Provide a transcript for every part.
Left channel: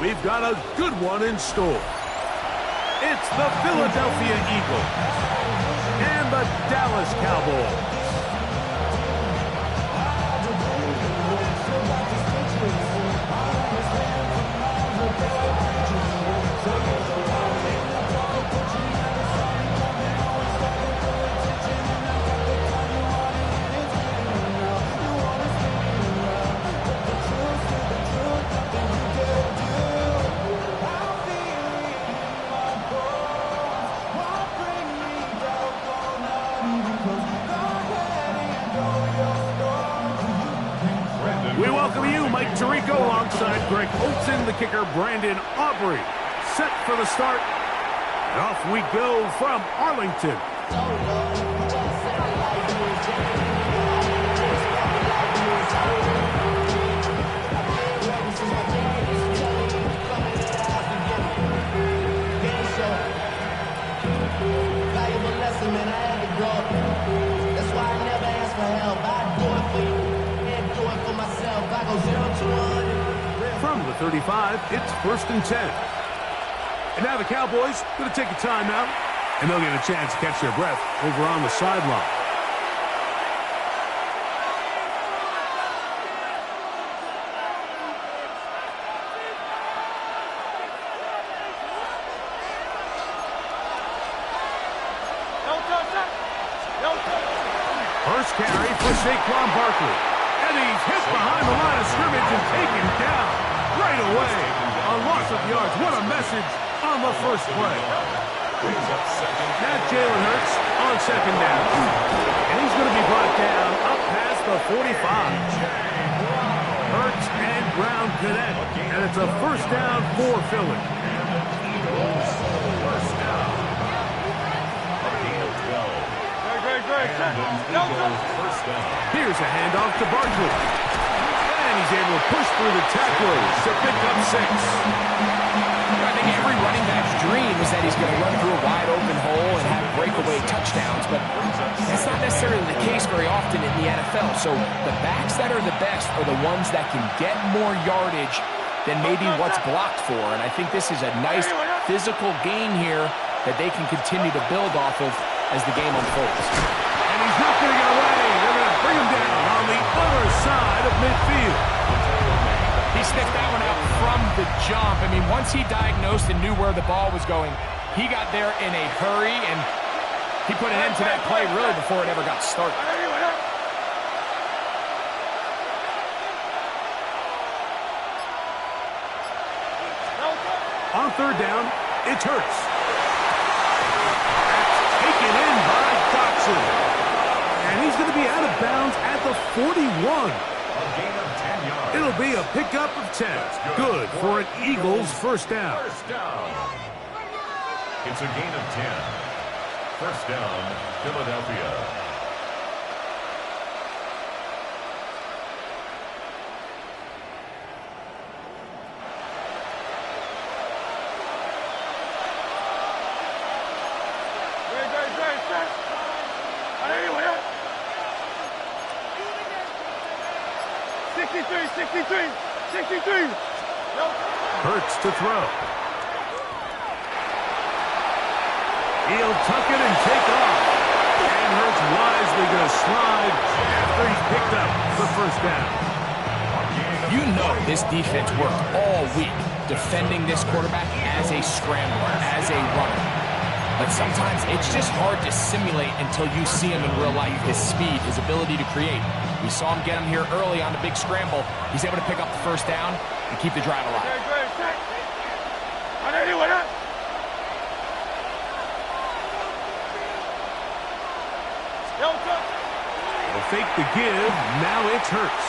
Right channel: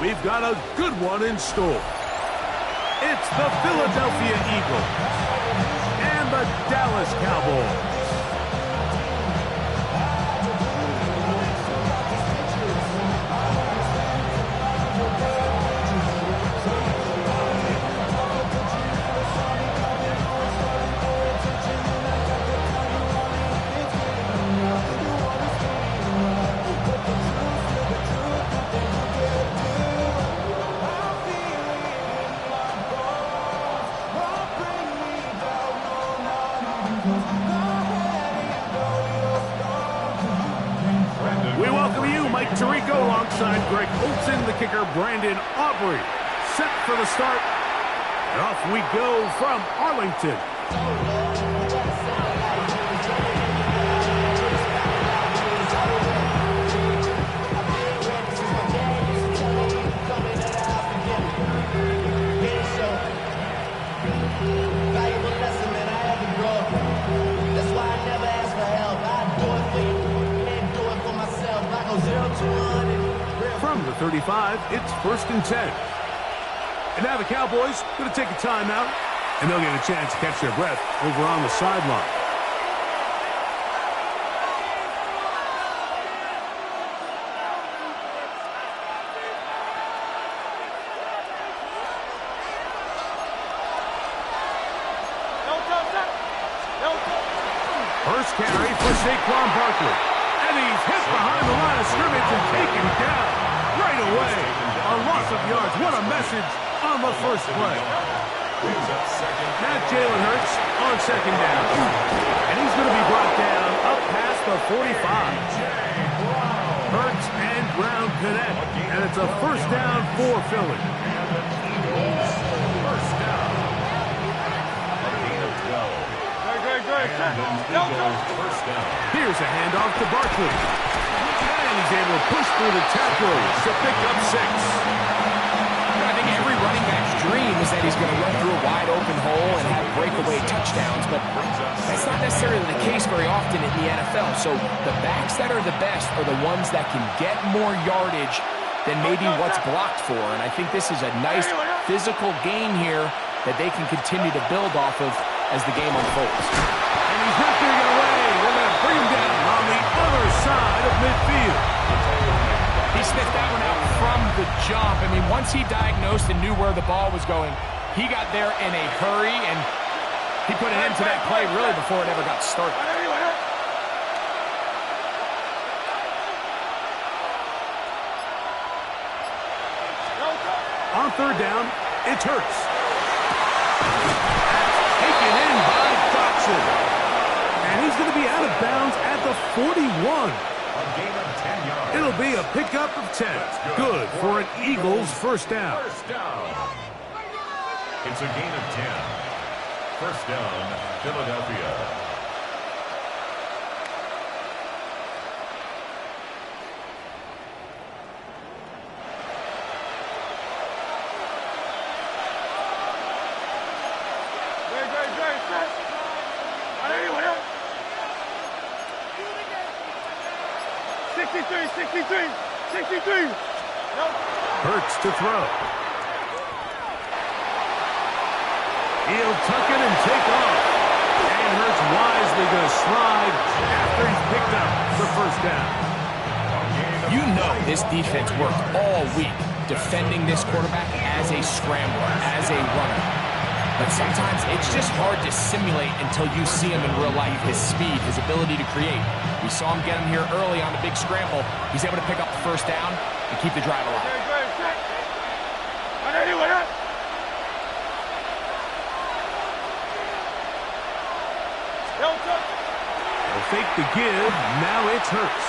we've got a good one in store. It's the Philadelphia Eagles and the Dallas Cowboys. We welcome you, Mike Tirico, alongside Greg Olson, the kicker, Brandon Aubrey. Set for the start, and off we go from Arlington. Valuable lesson, man, I had to grow up. That's why I never ask for help. I do it for you. Myself, I go 0 to 1. From the 35, it's 1st and 10. And now the Cowboys going to take a timeout, and they'll get a chance to catch their breath over on the sideline. First carry for Saquon Barkley. And he's hit behind the line of scrimmage and taken down right away. A loss of yards. What a message on the first play. Now Jalen Hurts on 2nd down. And he's going to be brought down up past the 45. Hurts and Brown connect. And it's a 1st down for Philly. Eagles, 1st down. A gain of 12. Here's a handoff to Barkley. And he's able to push through the tacklers to pick up 6. I think every running back's dream is that he's going to run through a wide open hole and have breakaway touchdowns, but that's not necessarily the case very often in the NFL. So the backs that are the best are the ones that can get more yardage than maybe what's blocked for. And I think this is a nice physical gain here that they can continue to build off of as the game unfolds. And he's not going to get away. They're going to bring him down on the other side of midfield. He sniffed that one out from the jump. I mean, once he diagnosed and knew where the ball was going, he got there in a hurry, and he put an end to that play really before it ever got started. On 3rd down, it's Hurts. Taken in by Dotson. And he's going to be out of bounds at the 41. A gain of 10 yards. It'll be a pickup of 10. Good for an Eagles 1st down. 1st down. It's a gain of 10. 1st down, Philadelphia. Hurts to throw. He'll tuck it and take off. And Hurts wisely going to slide after he's picked up the 1st down. You know this defense worked all week defending this quarterback as a scrambler, as a runner. But sometimes it's just hard to simulate until you see him in real life. His speed, his ability to create. We saw him get him here early on the big scramble. He's able to pick up the 1st down and keep the drive alive. They'll fake the give. Now it's Hurts.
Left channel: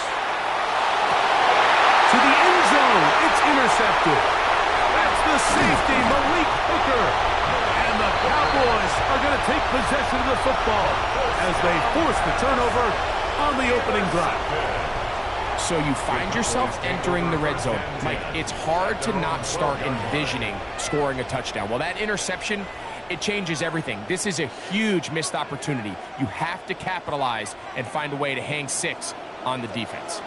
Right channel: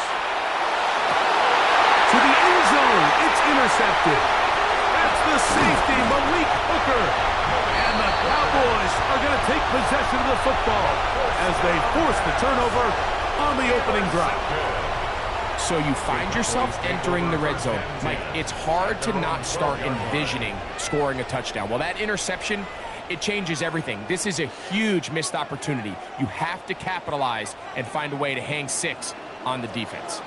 To the end zone. It's intercepted. That's the safety, Malik Hooker. And the Cowboys are going to take possession of the football as they force the turnover on the opening drive. So you find yourself entering the red zone. Mike, it's hard to not start envisioning scoring a touchdown. Well, that interception, it changes everything. This is a huge missed opportunity. You have to capitalize and find a way to hang 6 on the defense.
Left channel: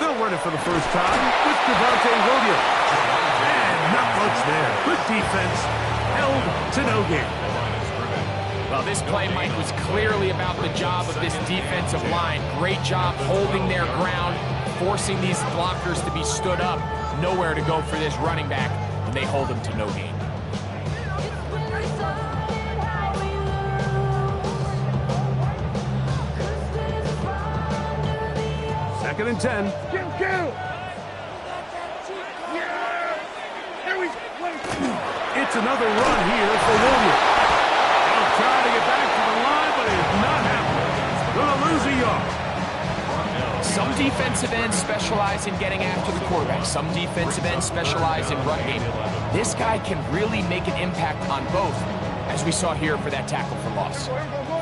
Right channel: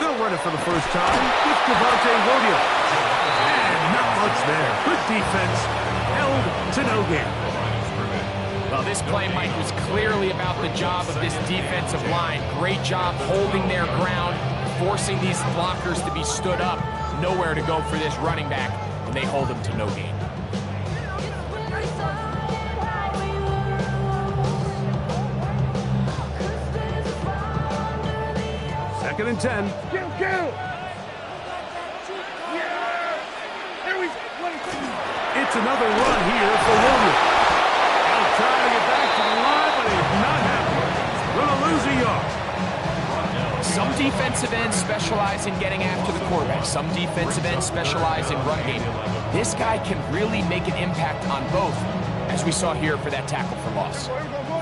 The He'll run it for the first time with Javonte Williams. And not much there. Good defense. Held to no gain. Well, this play, Mike, was clearly about the job of this defensive line. Great job holding their ground, forcing these blockers to be stood up. Nowhere to go for this running back, and they hold him to no gain. Second and 10. It's another run here for Williams. Now trying to get back to the line, but it's not happening. Going to lose a yard. Some defensive ends specialize in getting after the quarterback. Some defensive ends specialize in run game. This guy can really make an impact on both, as we saw here for that tackle for loss.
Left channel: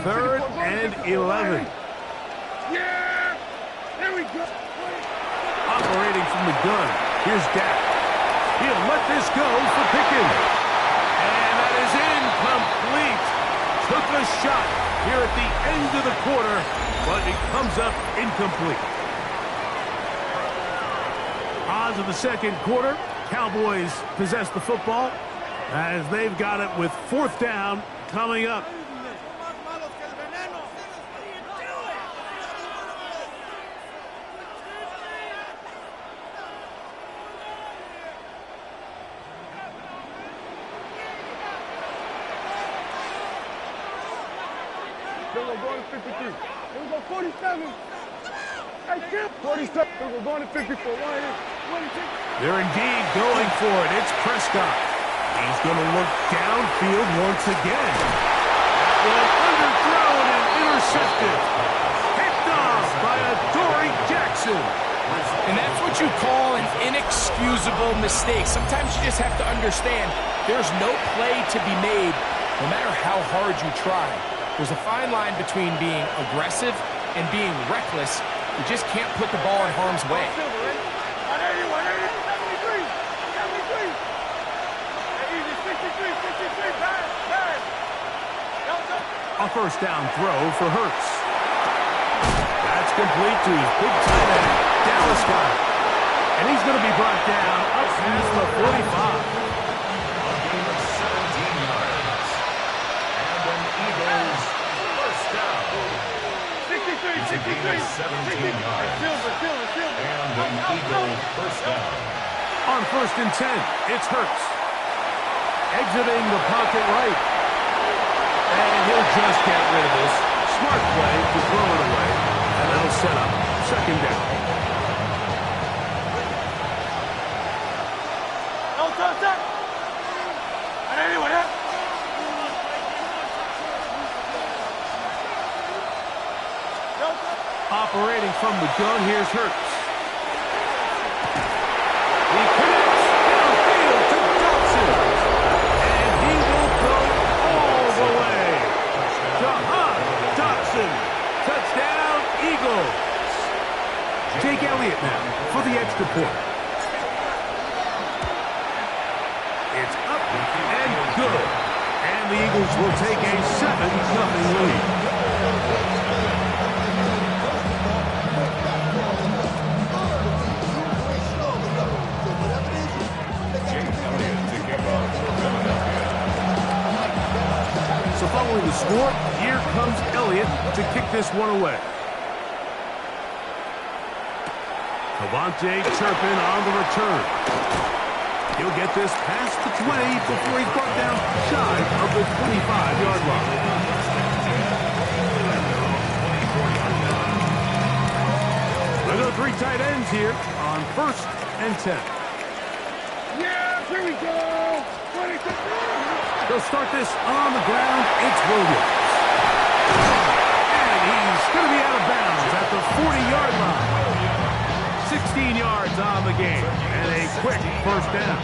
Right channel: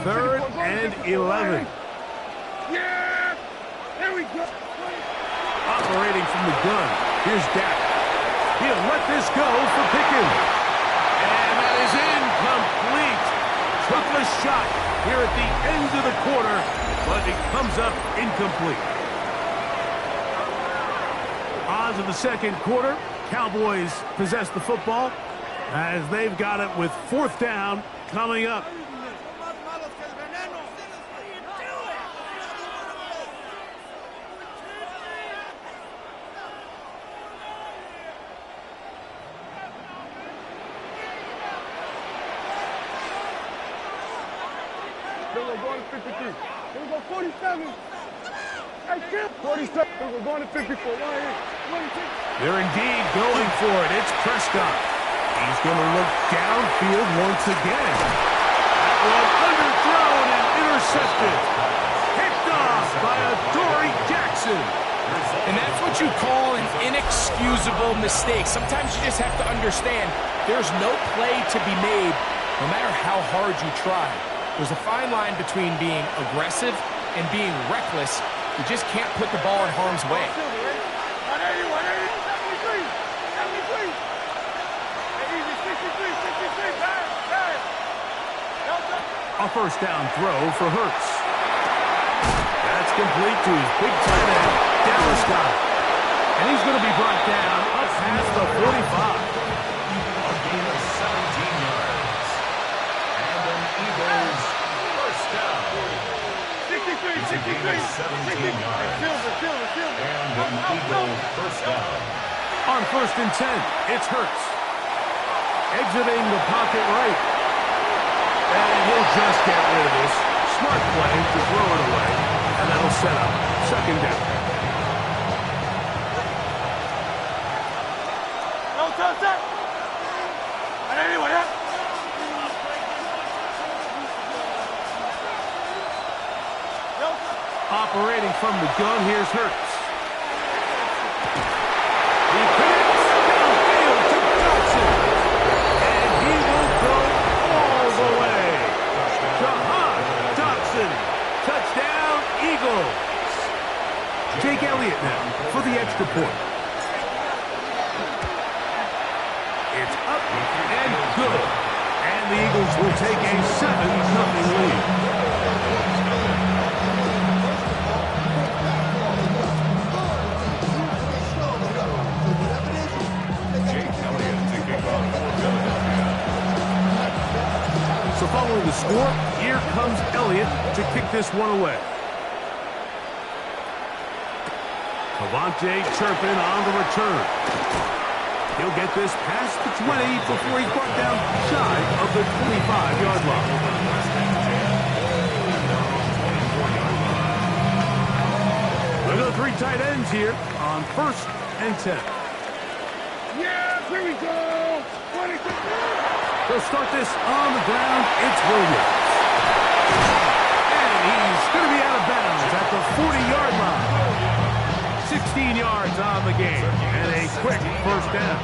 Third and 11. Yeah! There we go. Operating from the gun. Here's Dak. He'll let this go for Pickens. And that is incomplete. Took a shot here at the end of the quarter, but it comes up incomplete. On to the second quarter. Cowboys possess the football as they've got it with fourth down coming up. Then we're going to 53. Then we go 47. Hey, Kim. 47. Then we're going to 54. They're indeed going for it. It's Prescott. He's going to look downfield once again. That one underthrown and intercepted. Picked off by Adoree Jackson. And that's what you call an inexcusable mistake. Sometimes you just have to understand there's no play to be made, no matter how hard you try. There's a fine line between being aggressive and being reckless. You just can't put the ball in harm's way. 180, 180, 73, 73. Easy, 63, pass. A first down throw for Hurts. That's complete to his big tight end, Dallas got it. And he's going to be brought down up past the 45. A gain of 17 yards. And an Eagles first down. 63, It's a gain of 17 yards. Silver. And an Eagle first down. On first and 10, it's Hurts. Exiting the pocket right. And he'll just get rid of this. Smart play to throw it away. And that'll set up second down. No touch. And anyway, Operating from the gun, here's Hurts. He connects downfield to Dotson. And he will go all the way. Jahan Dotson. Touchdown, Eagles. Jake Elliott now for the extra point. It's up and good. And the Eagles will take a 7-0 lead. So following the score, here comes Elliott to kick this one away. Cavante Turpin on the return. He'll get this past the 20 before he's brought down shy of the 25-yard line. Look at the three tight ends here on first and 10. yeah, here we go. 26. They'll start this on the ground. It's Williams. And he's going to be out of bounds at the 40-yard line. 16 yards on the game. And a quick first down.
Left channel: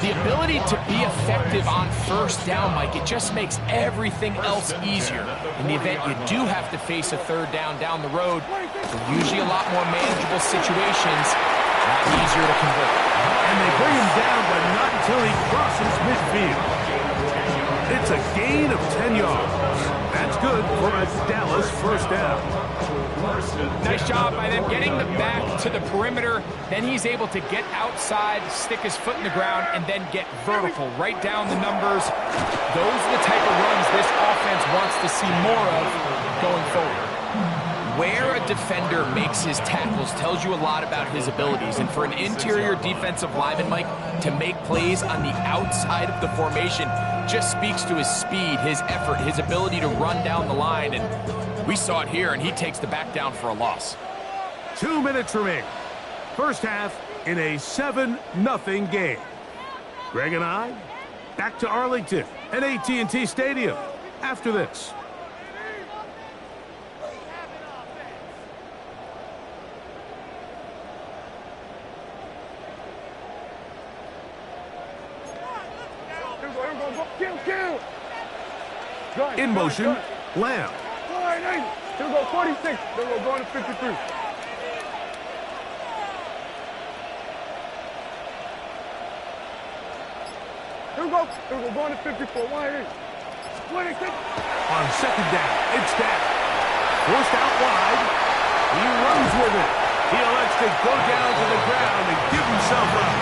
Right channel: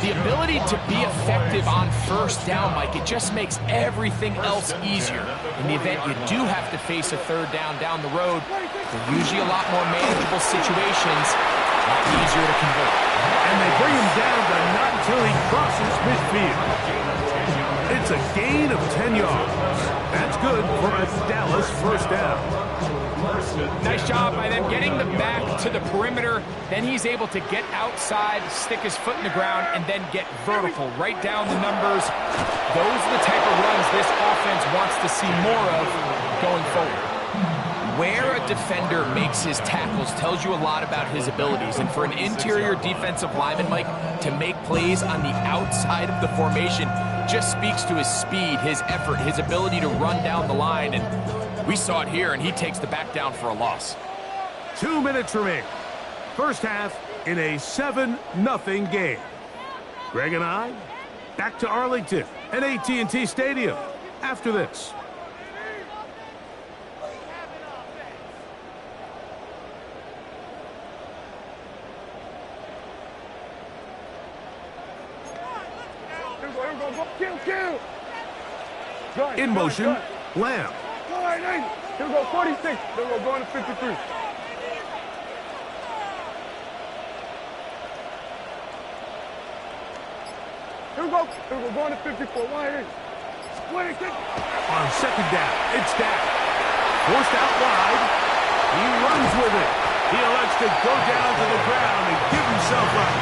The ability to be effective on first down, Mike, it just makes everything else easier. In the event you do have to face a third down the road, they're usually a lot more manageable situations, a lot easier to convert. And they bring him down, but not until he crosses midfield. It's a gain of 10 yards. That's good for a Dallas first down. Nice job by them getting the back to the perimeter. Then he's able to get outside, stick his foot in the ground, and then get vertical, right down the numbers. Those are the type of runs this offense wants to see more of going forward. Where a defender makes his tackles tells you a lot about his abilities. And for an interior defensive lineman, Mike, to make plays on the outside of the formation just speaks to his speed, his effort, his ability to run down the line. And we saw it here, and he takes the back down for a loss. 2 minutes remaining. First half in a 7-0 game. Greg and I back to Arlington at AT&T Stadium after this. Kill. In motion, Lamb. Here we go, 46. Then we'll go into 53. Here we go, going to 54. 26. On second down, it's down. Forced out wide. He runs with it. He elects to go down to the ground and give himself up.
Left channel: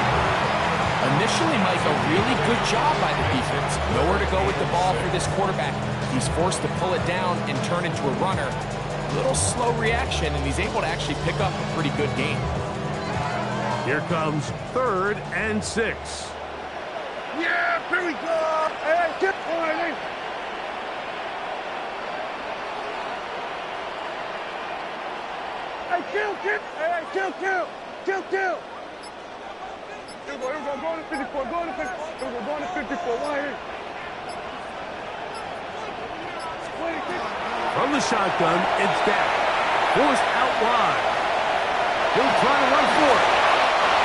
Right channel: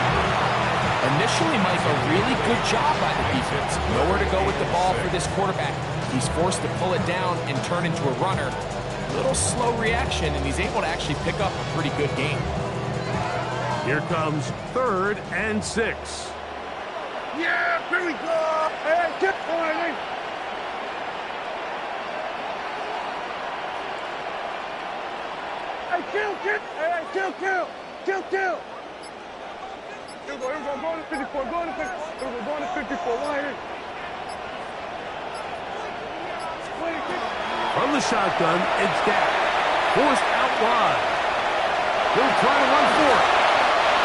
Initially, Mike, a really good job by the defense. Nowhere to go with the ball for this quarterback. He's forced to pull it down and turn into a runner. A little slow reaction, and he's able to actually pick up a pretty good gain. Here comes 3rd and 6. Yeah, here we go. Hey, get on. Hey, kill. Hey, kill. Here we go, going to 54, going to 54. Here we go, going to 54, From the shotgun, it's down. Forced out wide. He'll try to run for it.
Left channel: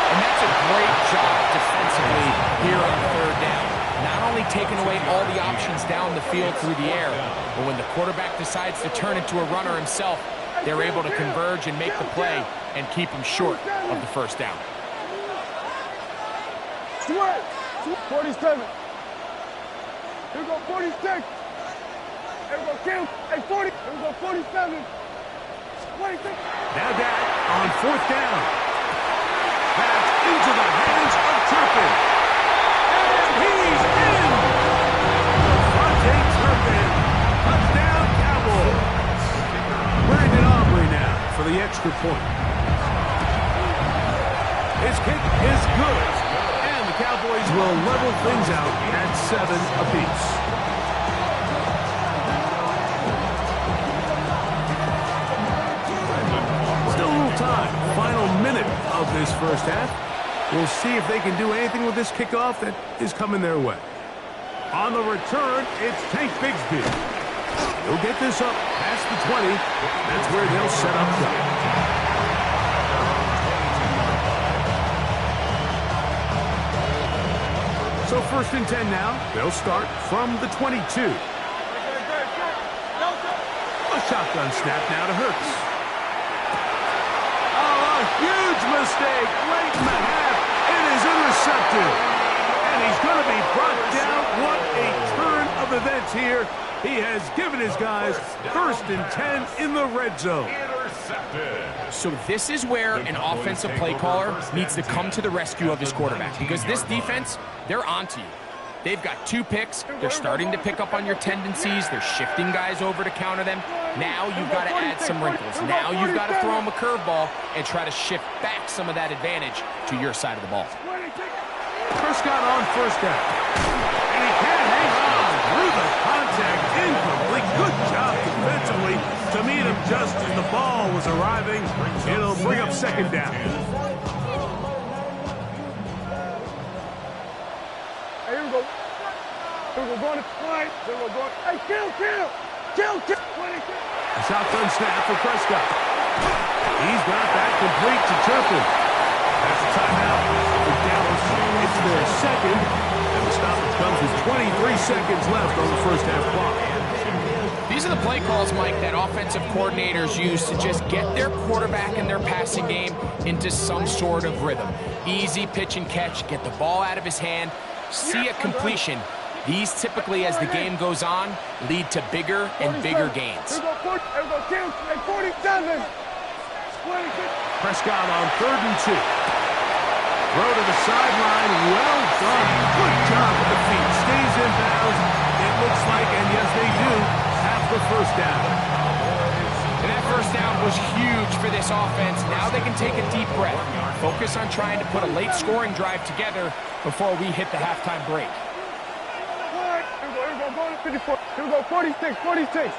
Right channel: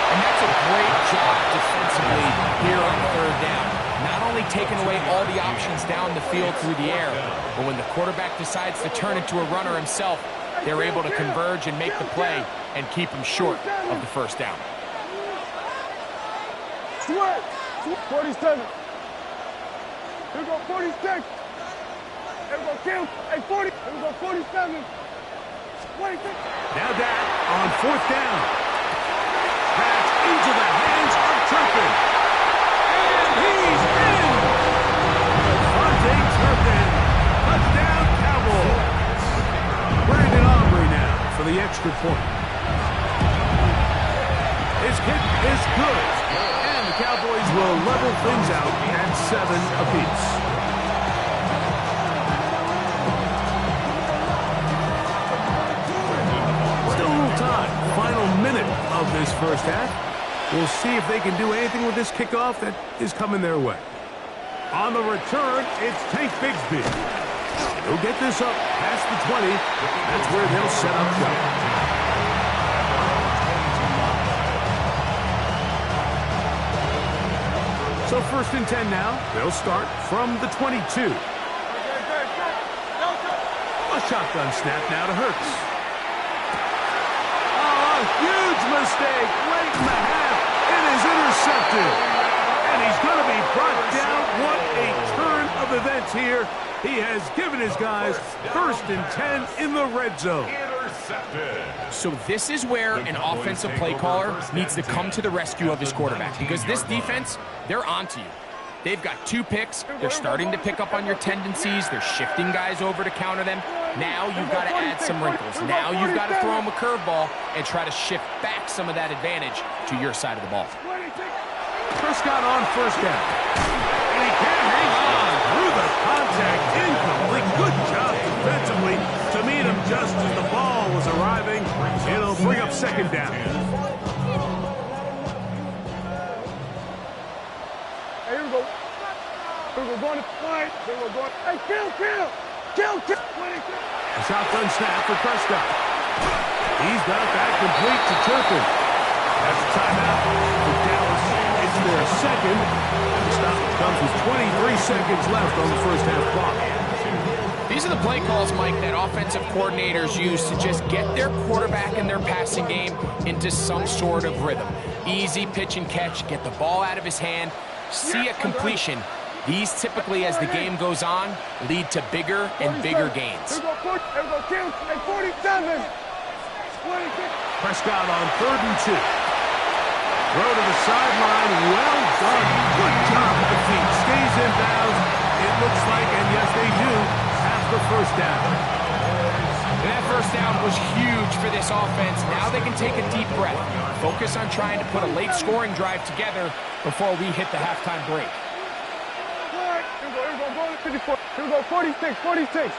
And that's a great job defensively here on 3rd down. Not only taking away all the options down the field through the air, but when the quarterback decides to turn into a runner himself, they're able to converge and make the play and keep him short of the first down. 47. Here we go, 46. Here we go, kill. Hey, 40. Here we go, 47. 26. Now that on 4th down. That's into the hands of Turpin. And he's in. Devontae Turpin. Touchdown, Cowboys. Brandon Aubrey now for the extra point. His kick is good. And the Cowboys will level things out at 7 apiece. Still a little time. Final minute of this first half. We'll see if they can do anything with this kickoff that is coming their way. On the return, it's Tank Bigsby. He'll get this up past the 20. That's where they'll set up shop. So 1st and 10 now. They'll start from the 22. A shotgun snap now to Hurts. Oh, a huge mistake late in the half. It is intercepted. And he's going to be brought down. What a turn of events here. He has given his guys 1st and 10 in the red zone. So this is where an offensive play caller needs to come to the rescue of his quarterback, because this defense, they're onto you. They've got 2 picks. They're starting to pick up on your tendencies. They're shifting guys over to counter them. Now you've got to add some wrinkles. Now you've got to throw them a curveball and try to shift back some of that advantage to your side of the ball. Prescott on 1st down. And he can't hang on through the contact. Incomplete. Good job defensively to meet him just as the ball was arriving. It'll bring up 2nd down. Hey, here we go. Here we go, going to 5. Then we're going. Hey, kill. 26. A shotgun snap for Prescott. He's got that complete to Turpin. That's a timeout for Dallas. It's their 2nd. And the stoppage comes with 23 seconds left on the first half clock. These are the play calls, Mike, that offensive coordinators use to just get their quarterback and their passing game into some sort of rhythm. Easy pitch and catch, get the ball out of his hand, see a completion, These typically, as the game goes on, lead to bigger and bigger gains. Here we go, 40, here we go, count, at 47. 26. Prescott on 3rd and 2. Throw to the sideline. Well done. Good job with the feet. Stays in bounds. It looks like, and yes, they do, have the first down. And that first down was huge for this offense. Now they can take a deep breath. Focus on trying to put a late scoring drive together before we hit the halftime break. Here we go, going to 54. Here we go, 46, 46.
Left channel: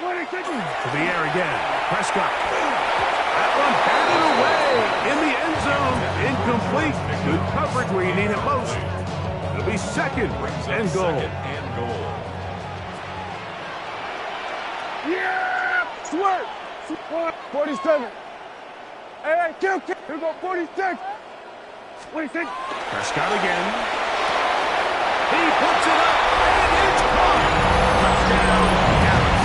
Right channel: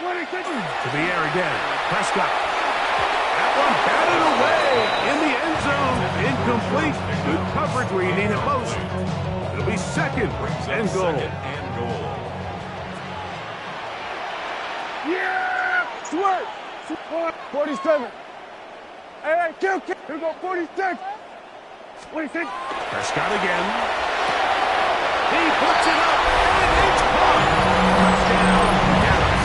26. To the air again. Prescott. That one batted away in the end zone. Incomplete. Good coverage where you need it most. It'll be second and goal. Yeah! Swerve! 47. Hey, kill. Here we go, 46. 26. Prescott again. He puts it up, and it's caught. Touchdown, Dallas.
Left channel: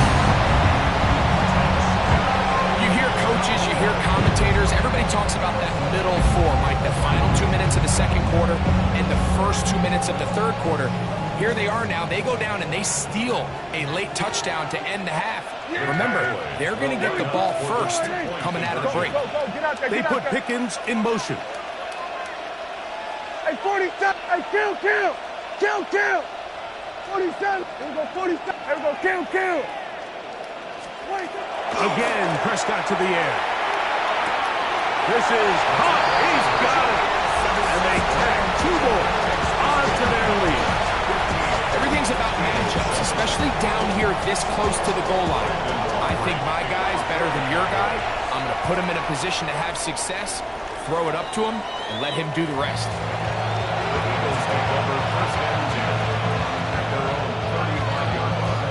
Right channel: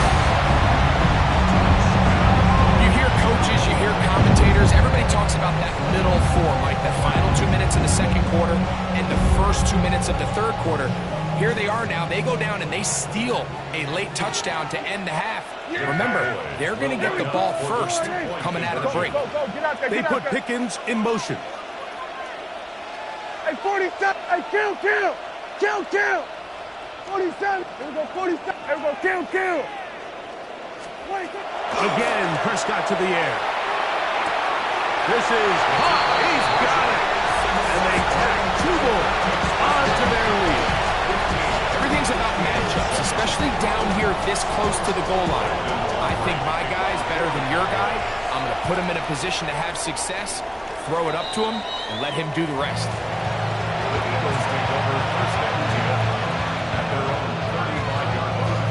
You hear coaches, you hear commentators, everybody talks about that middle four, Mike, the final 2 minutes of the second quarter and the first 2 minutes of the third quarter. Here they are now. They go down and they steal a late touchdown to end the half. Remember, they're going to get the ball first coming out of the break. They put Pickens in motion. Hey, 47. Hey, kill. Kill. 47. Here we go, 47. Here we go, kill. 26. Again, Prescott to the air. This is hot. He's got it. And they tack 2 more onto their lead. Everything's about matchups, especially down here this close to the goal line. I think my guy's better than your guy. I'm going to put him in a position to have success, throw it up to him, and let him do the rest. The Eagles take over 1st and 10 at their own 35-yard line.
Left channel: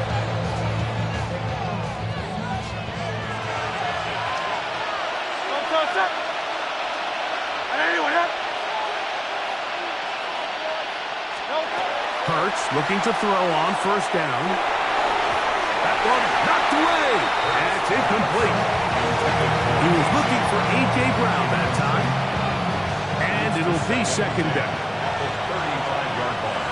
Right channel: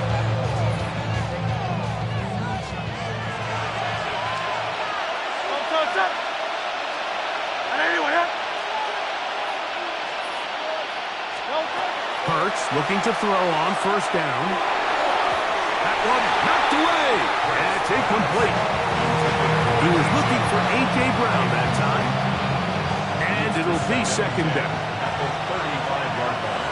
Hurts looking to throw on 1st down. That one knocked away, and it's incomplete. He was looking for A.J. Brown that time, and it'll be 2nd down. At the 35-yard line.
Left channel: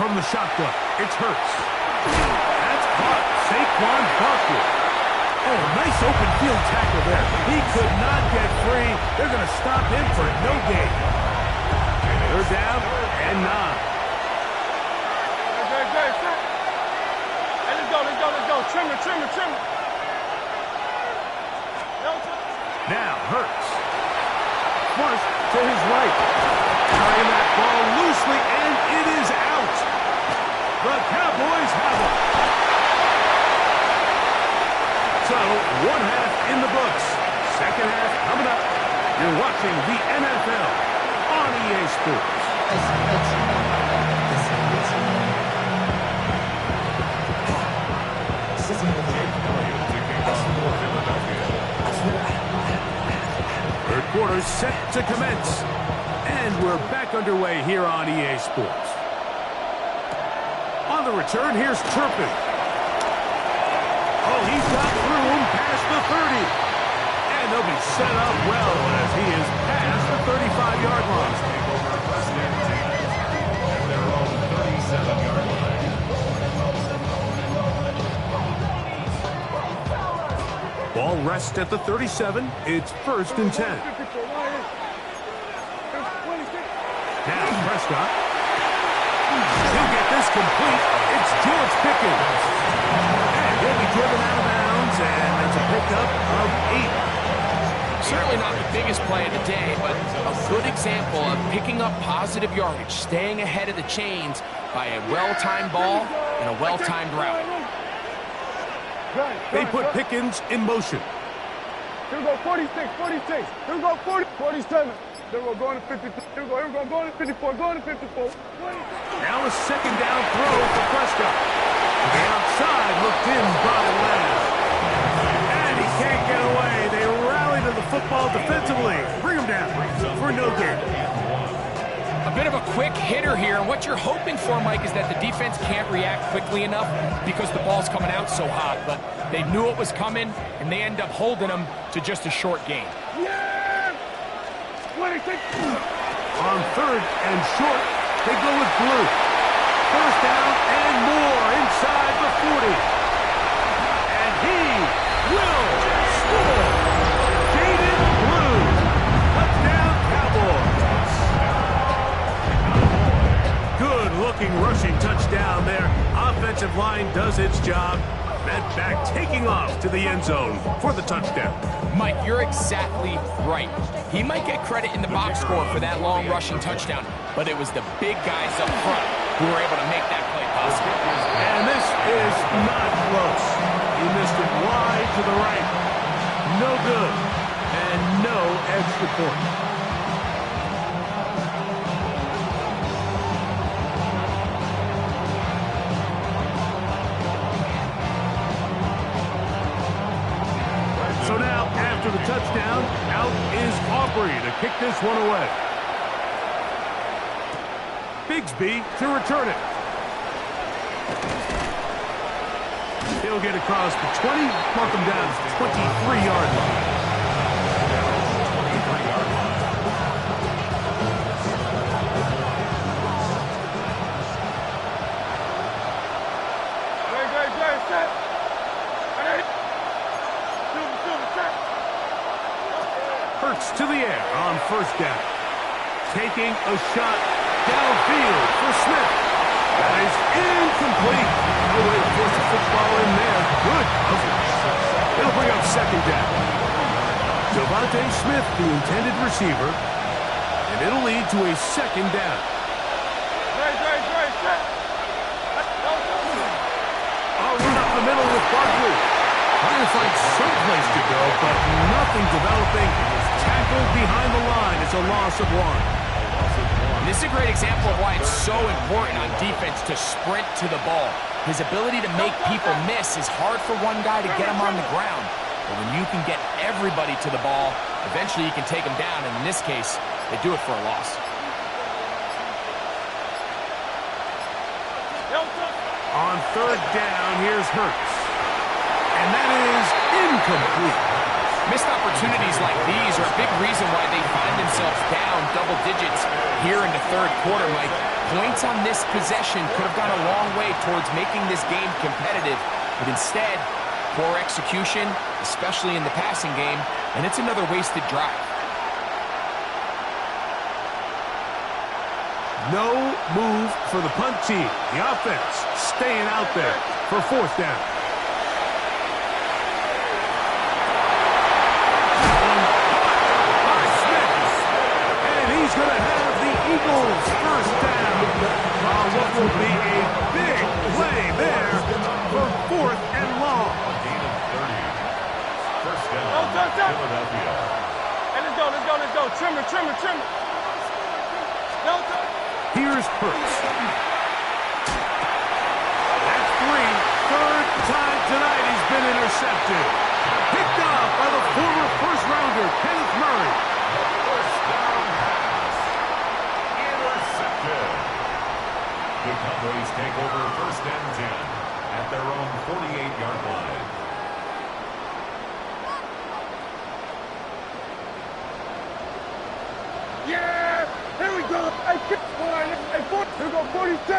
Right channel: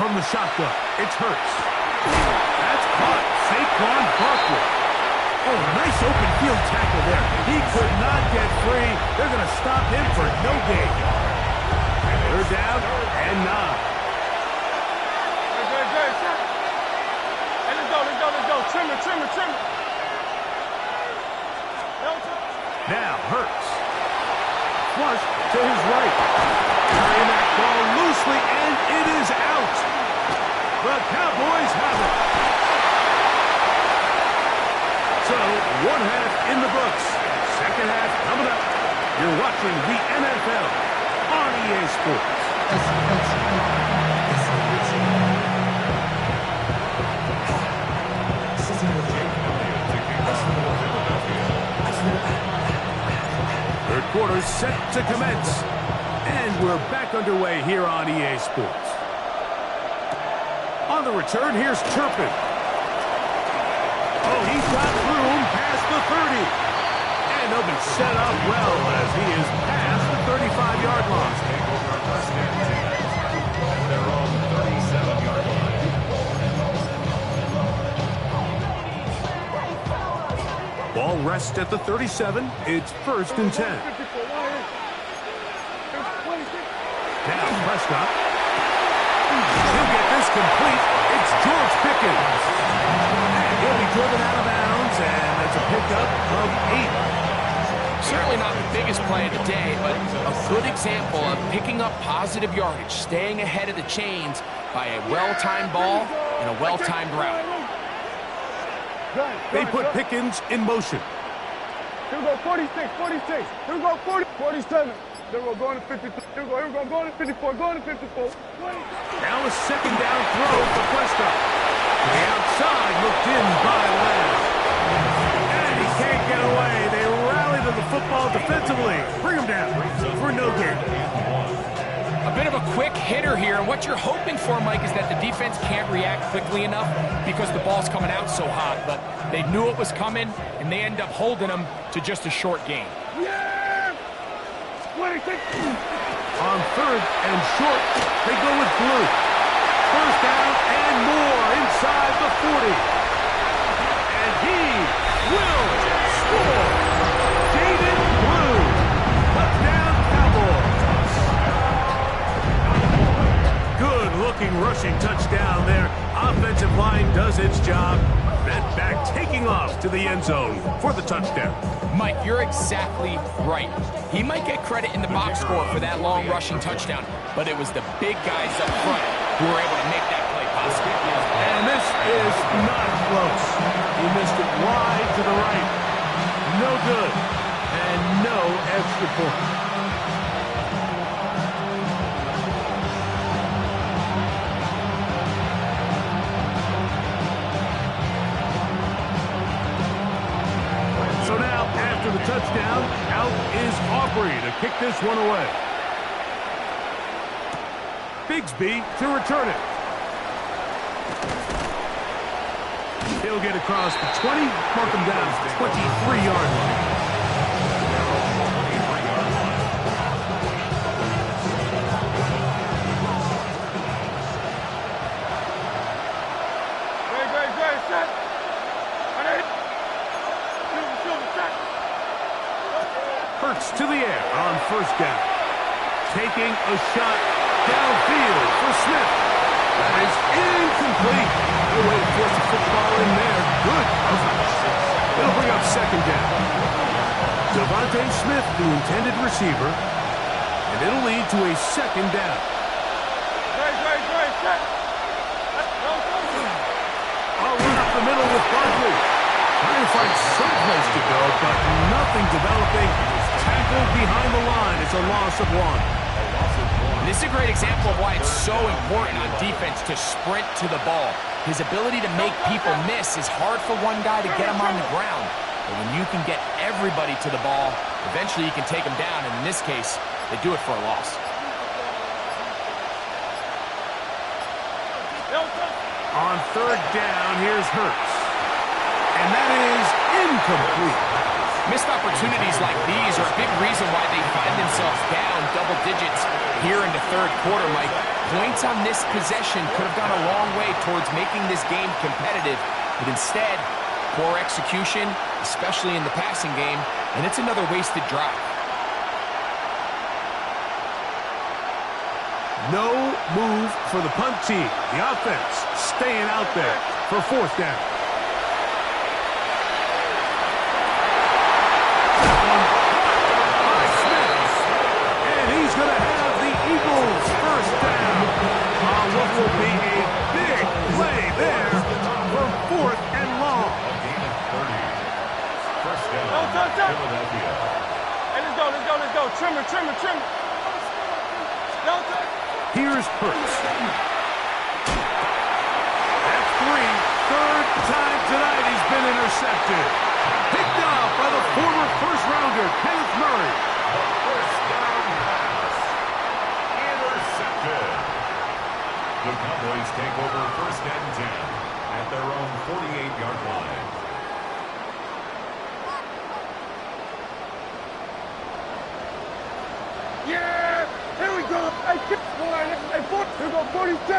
From the shotgun, it's Hurts. That's caught. Saquon Barkley. Oh, nice open field tackle there. He could not get free. They're going to stop him for no gain. They're down and 9. Good. Hey, let's go. Trim it. Now Hurts. Flush to his right. Carrying that ball loosely, and it is out. The Cowboys have it. So, 1 half in the books. 2nd half coming up. You're watching the NFL on EA Sports. Third quarter set to commence. And we're back underway here on EA Sports. On the return, here's Turpin. Oh, he's got room past the 30. And they'll be set up well as he is past the 35-yard line. Take over 1st and 10 at their own 37-yard line. Ball rests at the 37. It's 1st and 10. Now Prescott. He'll get this complete. It's George Pickens. And he'll be driven out of bounds, and that's a pickup of 8. Certainly not the biggest play of the day, but a good example of picking up positive yardage, staying ahead of the chains by a well-timed ball and a well-timed route. They put Pickens in motion. Here we go, 46. Here we go, 47. Here we go, going to 53. Here we go, going to 54. Going to 54. Now a 2nd down throw for Prescott. To the outside, looked in by Lamb. And he can't get away. They rally to the football defensively. Bring him down for no gain. A bit of a quick hitter here, and what you're hoping for, Mike, is that the defense can't react quickly enough because the ball's coming out so hot, but they knew it was coming, and they end up holding them to just a short gain. Yeah! On third and short, they go with blue. First down and more inside the 40. And he will score. Jaden Blue. Touchdown, Cowboys. Good-looking rushing touchdown there. Offensive line does its job. That back taking off to the end zone for the touchdown. Mike, you're exactly right. He might get credit in the box score for that long rushing touchdown, but it was the big guys up front who were able to make that play possible. And this is not close. He missed it wide to the right. No good. And no extra point. So now, after the touchdown, out is Aubrey to kick this one away. Bigsby to return it. He'll get across the 20, mark him down to the 23-yard line. 23-yard line. Great, set. Hurts to the air on first down. Taking a shot downfield for Smith. That is incomplete. No way to force the football in there. Good coverage. It'll bring up second down. Devontae Smith, the intended receiver. And it'll lead to a second down. Great, set. I'll run up the middle with Barkley. Trying to find some place to go, but nothing developing. Tackled behind the line. It's a loss of one. This is a great example of why it's so important on defense to sprint to the ball. His ability to make people miss is hard for one guy to get him on the ground. But when you can get everybody to the ball, eventually you can take them down. And in this case, they do it for a loss. On third down, here's Hurts. And that is incomplete. Missed opportunities like these are a big reason why they find themselves down double digits here in the third quarter, Mike. Points on this possession could have gone a long way towards making this game competitive, but instead, poor execution, especially in the passing game, and it's another wasted drive. No move for the punt team. The offense staying out there for fourth down. He's going to have the Eagles first down on what will be a big play there for fourth and long. A gain of 30. First down, Philadelphia. Hey, let's go. Trim it. Here's Hurts. That's three. Third time tonight he's been intercepted. Picked off by the former first-rounder, Kenneth Murray. The first down pass. Intercepted. The Cowboys take over first and 10 at their own 48-yard line. Yeah! Here we go! Hey, here we go, 46!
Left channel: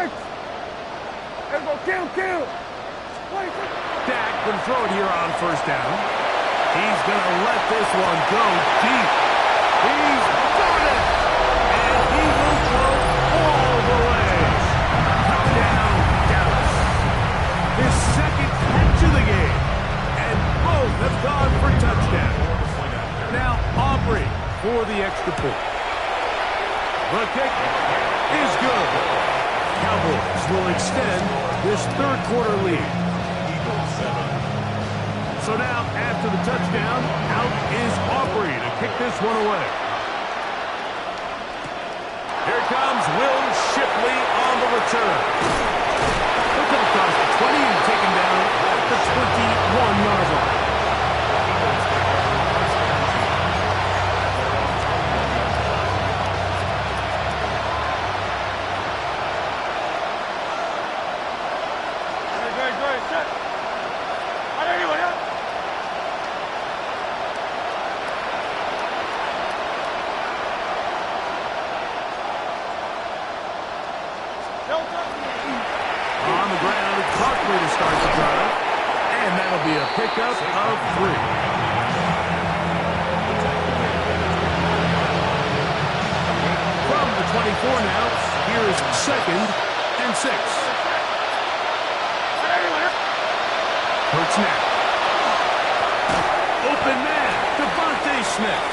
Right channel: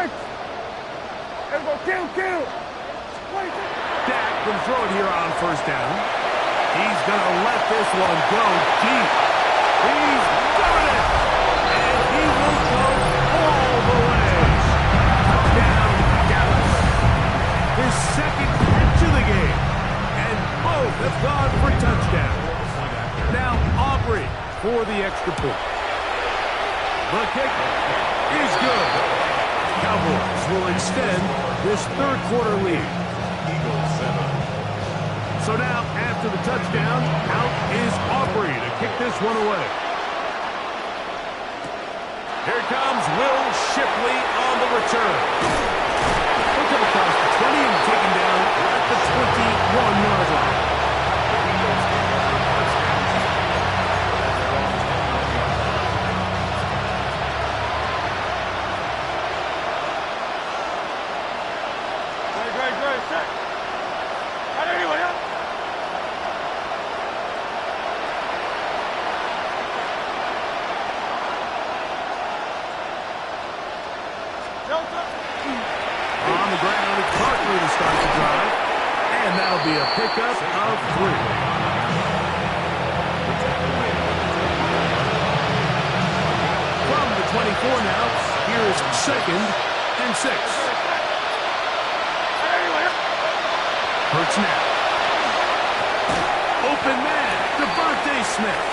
Here we go, kill! 26! Dak can throw it here on first down. He's going to let this one go deep. He's got it! And he will go all the way. Touchdown, Dallas. His second catch of the game. And both have gone for touchdown. Now Aubrey for the extra point. The kick is good. Cowboys will extend this third quarter lead. Eagles 7. So now, after the touchdown, out is Aubrey to kick this one away. Here comes Will Shipley on the return. He'll come across the 20 and taken down at the 21-yard line. The Eagles take over first and 10 at their own 21-yard line. Great, set! How'd anyone else? On the ground, it's Barkley to start the drive. And that'll be a pickup of 3. From the 24 now, here is 2nd and 6. Hurts now. Open man, Devontae Smith.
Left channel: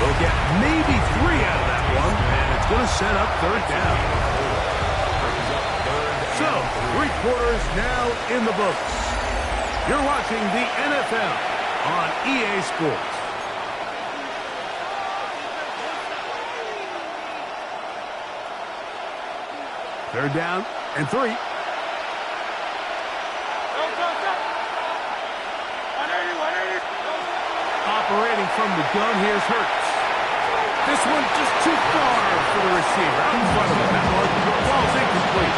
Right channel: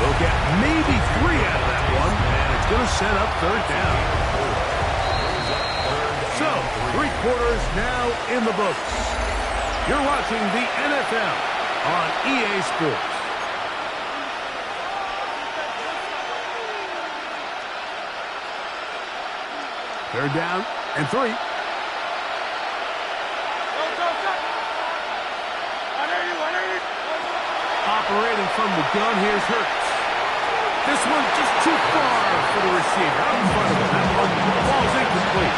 We'll get maybe 3 out of that one, and it's going to set up 3rd down. So, 3 quarters now in the books. You're watching the NFL on EA Sports. Third down and 3. Operating from the gun, here's Hurts. This one just too far for the receiver. Out in front of him. That one, ball's incomplete.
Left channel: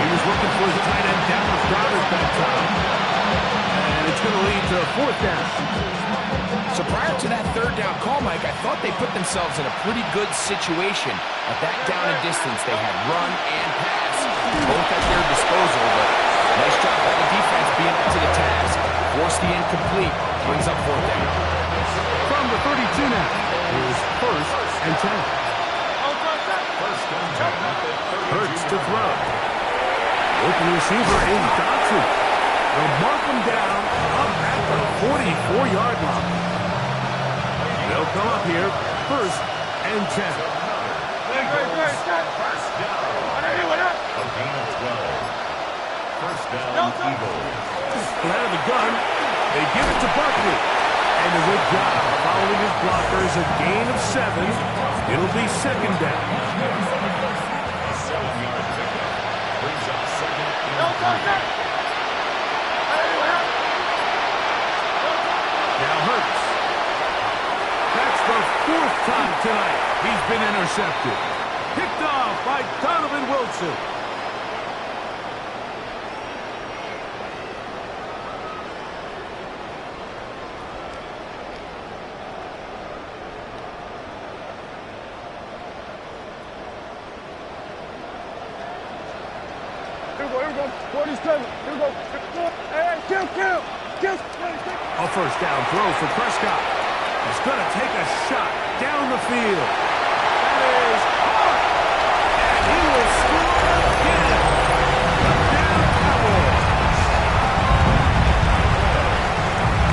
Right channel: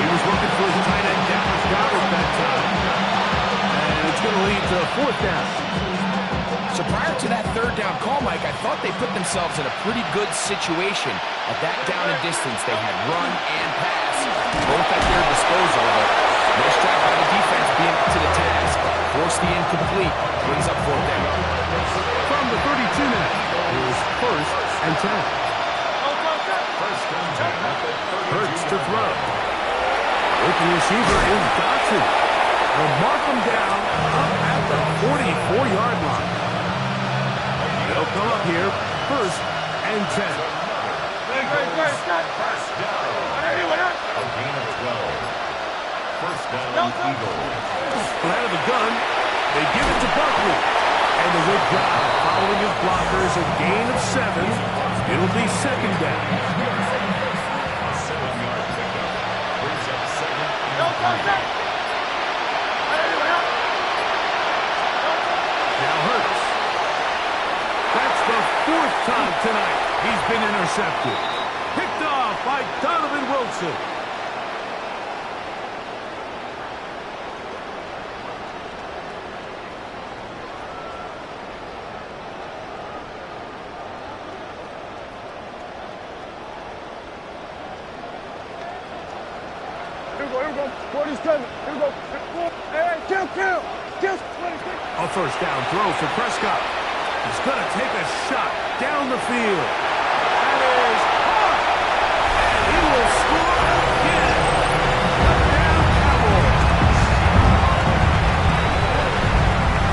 He was looking for his tight end, Dallas Goedert, that time. And it's going to lead to a 4th down. So prior to that 3rd down call, Mike, I thought they put themselves in a pretty good situation. At that down and distance, they had run and pass, both at their disposal, but nice job by the defense being up to the task. Force the incomplete, brings up 4th down. From the 32 now, here's 1st and 10. Hurts to throw. Open receiver is Dotson. They'll mark him down up at the 44-yard line. They'll come up here, 1st and 10. First down. A gain of 12. First down, Eagles. Out of the gun, they give it to Barkley. And a good job following his blockers, a gain of 7. It'll be 2nd down. A 7-yard pickup brings up 2nd and 3. Now Hurts. That's the 4th time tonight he's been intercepted. Picked off by Donovan Wilson. Here we go. 47. Here we go. Hey, kill. A 1st down throw for Prescott. He's going to take a shot down the field. That is hard. And he will score again. Touchdown Cowboys.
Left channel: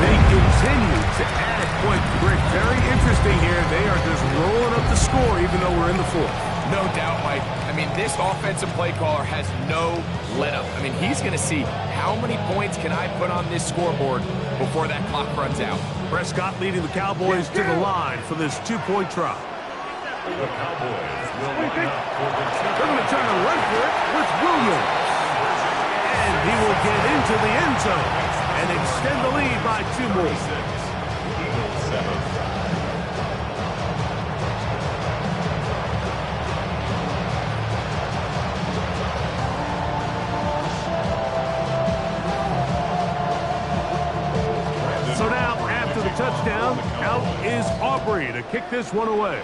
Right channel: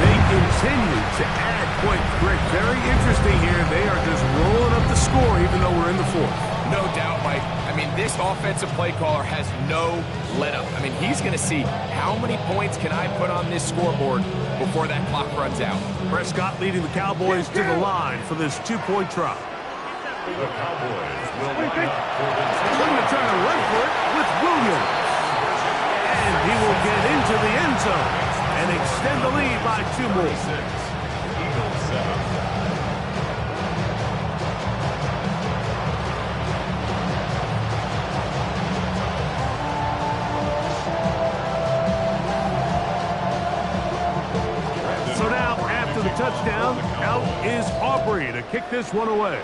They continue to add points. Rick, very interesting here. They are just rolling up the score even though we're in the 4th. No doubt, Mike. I mean, this offensive play caller has no let-up. I mean, he's going to see how many points can I put on this scoreboard before that clock runs out. Prescott leading the Cowboys to the line for this 2-point try. The Cowboys will line up for the They're going to try to run for it with Williams. And he will get into the end zone and extend the lead by 2 more. Eagles 7. So now, after the touchdown, out is Aubrey to kick this one away.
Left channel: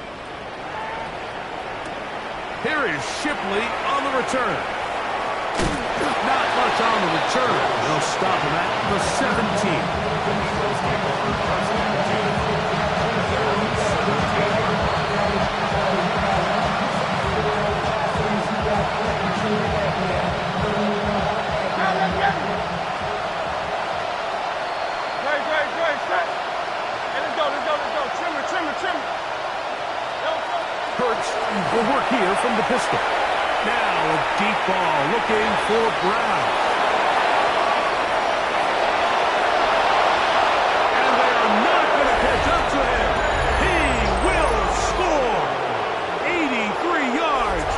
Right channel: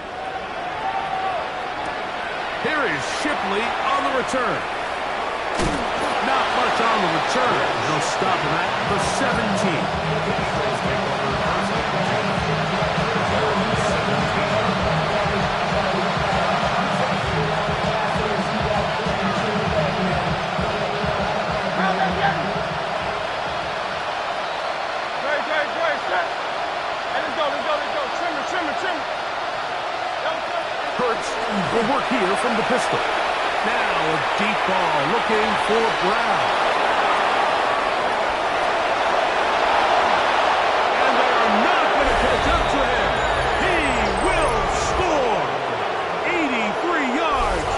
Here is Shipley on the return. Not much on the return. They'll stop him at the 17. Great, set. Hey, let's go. Trim. Hurts will work here from the pistol. Now a deep ball looking for Brown. And they are not going to catch up to him. He will score. 83 yards.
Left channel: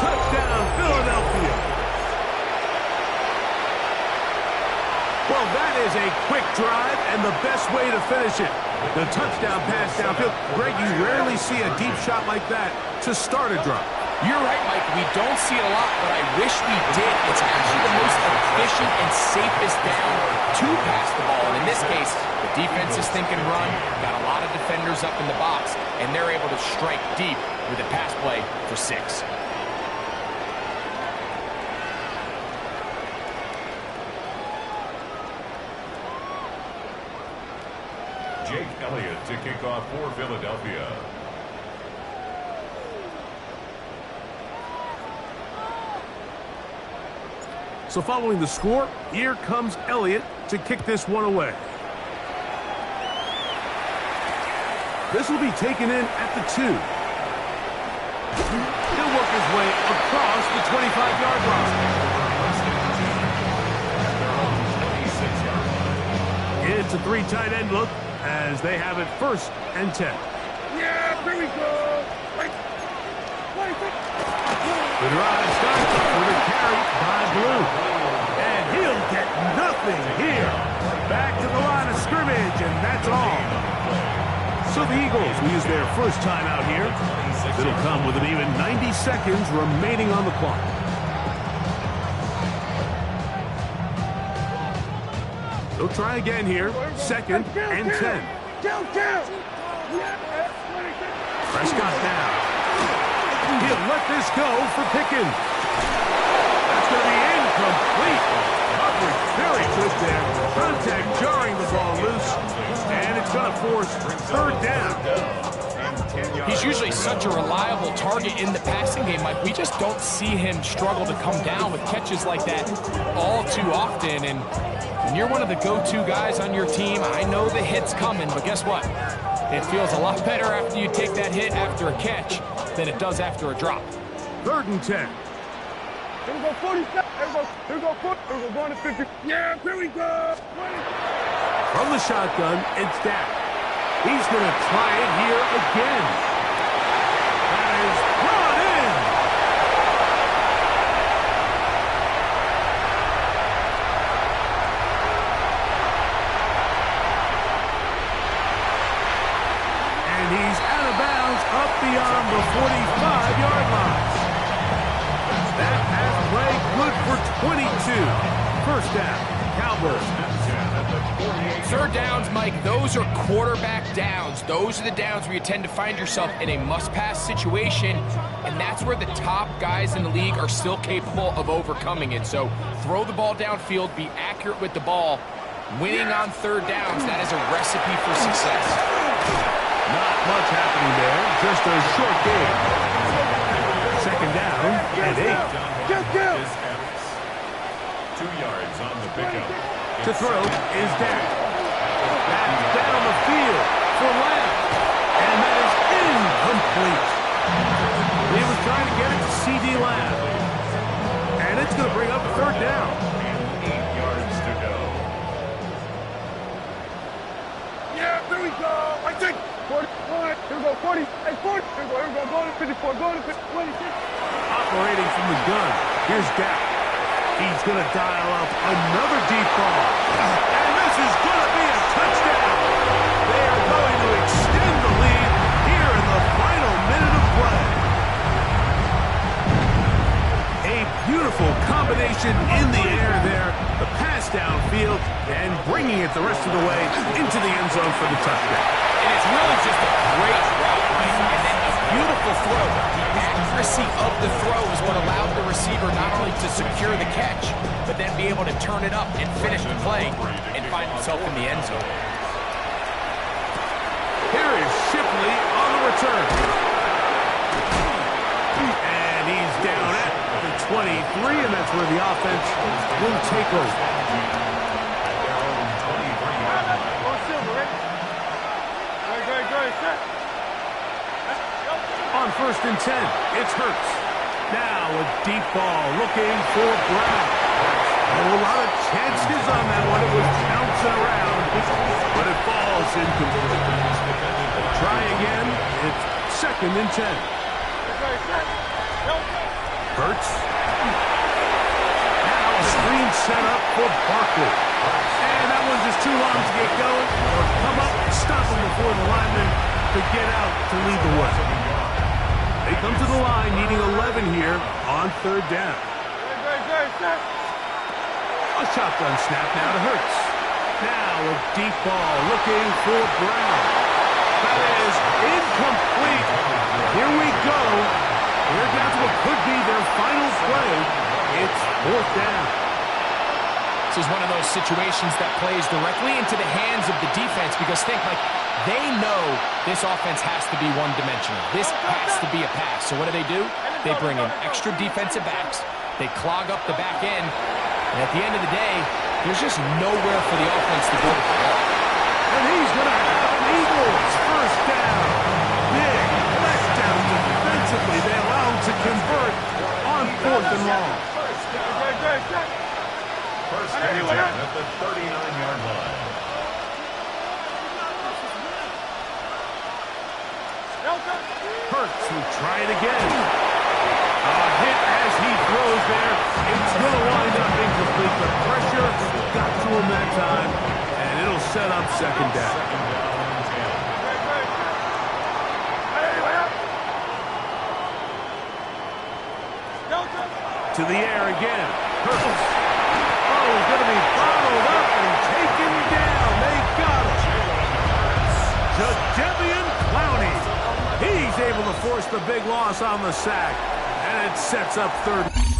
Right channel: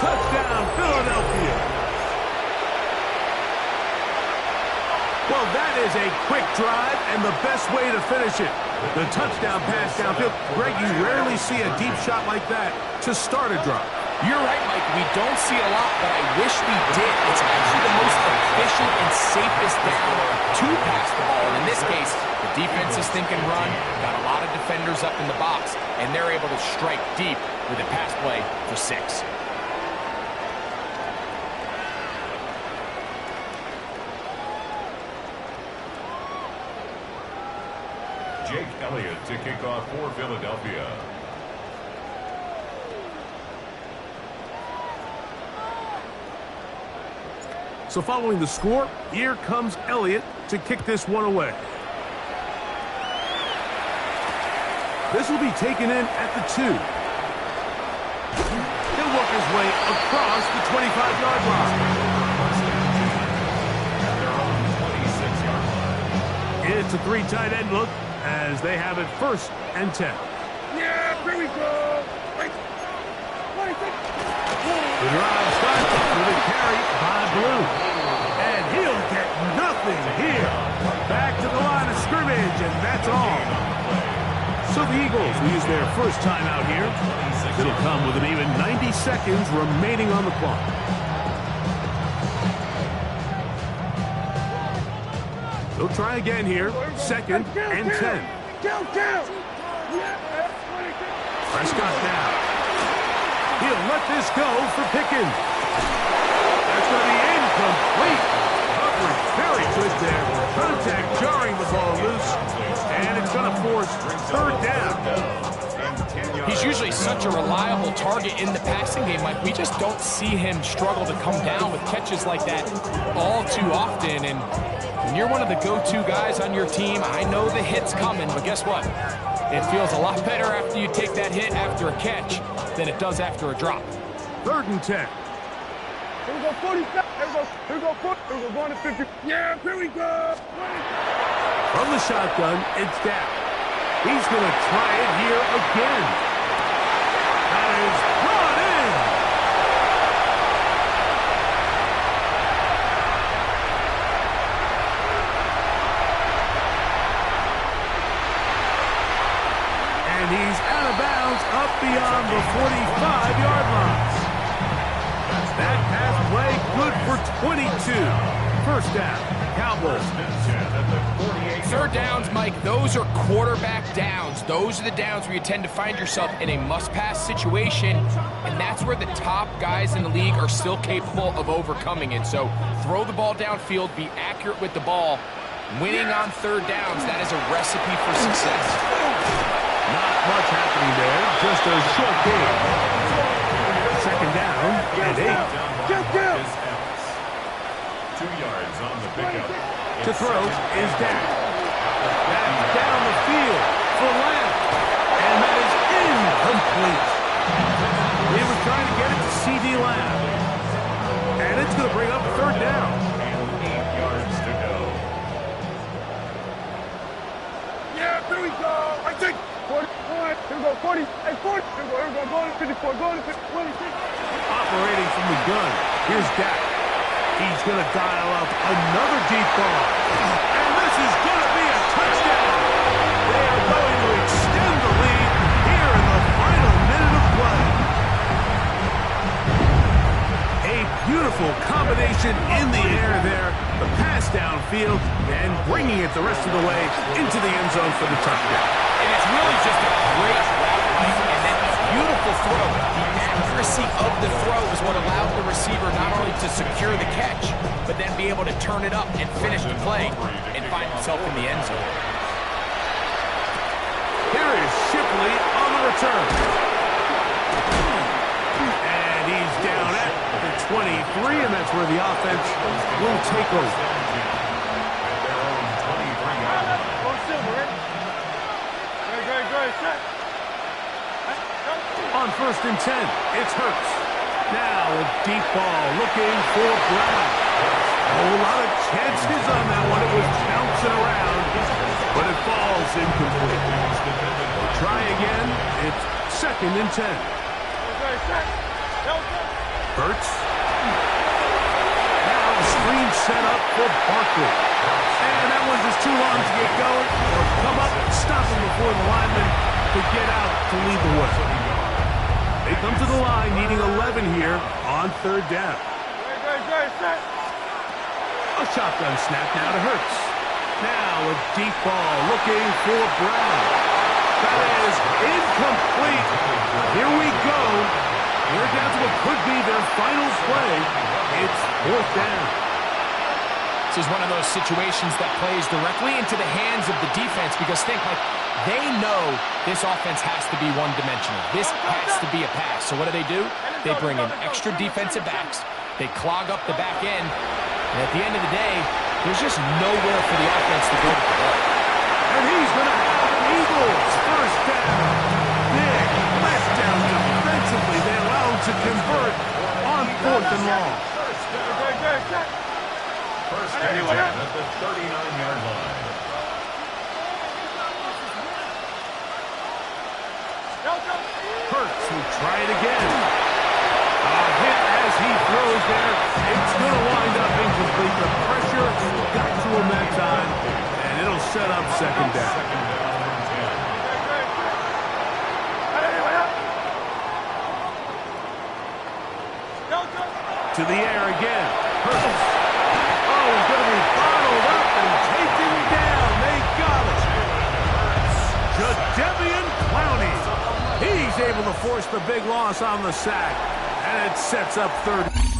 Touchdown, Philadelphia. Well, that is a quick drive and the best way to finish it. The touchdown pass downfield. Greg, you rarely see a deep shot like that to start a drive. You're right, Mike. We don't see it a lot, but I wish we did. It's actually the most efficient and safest down to pass the ball. And in this case, the defense is thinking run, got a lot of defenders up in the box, and they're able to strike deep with a pass play for 6. Jake Elliott to kick off for Philadelphia. So following the score, here comes Elliott to kick this one away. This will be taken in at the 2. He'll work his way across the 25-yard line. It's a 3 tight end look as they have it 1st and 10. Yeah, here we go. Wait. The drive starts with a carry by Blue. And he'll get nothing here. Back to the line of scrimmage, and that's all. So the Eagles will use their first time out here. It'll come with an even 90 seconds remaining on the clock. They'll try again here. 2nd and 10. Prescott now. He'll let this go for Pickens. That's going to be incomplete. Coverage very good there. Contact jarring the ball loose. And it's going to force 3rd down. He's usually such a reliable target in the passing game, Mike. We just don't see him struggle to come down with catches like that all too often. And when you're one of the go-to guys on your team, I know the hit's coming, but guess what? It feels a lot better after you take that hit after a catch than it does after a drop. 3rd and 10. Here we go, 47. Here we go, 40. Here we go, going to 50. Yeah, here we go. 20. From the shotgun, it's Dak. He's going to try it here again. That is brought in. And he's out of bounds up beyond the 45-yard line. That pass play good for 22. 1st down, Cowboys. 3rd downs, Mike, those are quarterback downs. Those are the downs where you tend to find yourself in a must-pass situation, and that's where the top guys in the league are still capable of overcoming it. So throw the ball downfield, be accurate with the ball. Winning on 3rd downs, that is a recipe for success. Not much happening there, just a short game. 2nd down and 8. 2 yards on the pickup. To throw is Dak. That's down the field for Lamb. And that is incomplete. He was trying to get it to C.D. Lamb. And it's going to bring up 3rd down. And 8 yards to go. Yeah, here we go. I think 41. Here we go, 40. Hey, 40. Here we go, going to 54. Going to 50. 26. Operating from the gun. Here's Dak. He's going to dial up another deep ball. And this is going to be a touchdown. They are going to extend the lead here in the final minute of play. A beautiful combination in the air there. The pass downfield and bringing it the rest of the way into the end zone for the touchdown. And it's really just a great route, Mike, and then a beautiful throw. The accuracy of the throw is what allowed the receiver not only to secure the catch, but then be able to turn it up and finish the play and find himself in the end zone. Here is Shipley on the return. And he's down at the 23, and that's where the offense will take over. At their own 23-yard line. Go Silver, right? Great. Set. On 1st and 10, it's Hurts. Now a deep ball looking for Brown. A lot of chances on that one. It was bouncing around, but it falls incomplete. Try again. It's 2nd and 10. Hurts. Now a screen set up for Barkley. And that one's just too long to get going. Or come up and stop him before the lineman to get out to lead the way. They come to the line needing 11 here on 3rd down. A shotgun snap now to Hurts. Now a deep ball looking for Brown. That is incomplete. Here we go. We're down to what could be their final play. It's 4th down. This is one of those situations that plays directly into the hands of the defense because they know this offense has to be one-dimensional. This has to be a pass. So what do? They bring in extra defensive backs. They clog up the back end. And at the end of the day, there's just nowhere for the offense to go with the ball. And he's going to have an Eagles first down. Big letdown defensively. They allow him to convert on 4th and long. First and 10 at the 39-yard line. Hurts will try it again. A hit as he throws there. It's going to wind up incomplete. The pressure got to him that time, and it'll set up second down. Second down and 10. To the air again. Hurts. Oh, he's going to be bottled up and taken down. They got him. Jadeveon Clowney. He's able to force the big loss on the sack, and it sets up 3rd.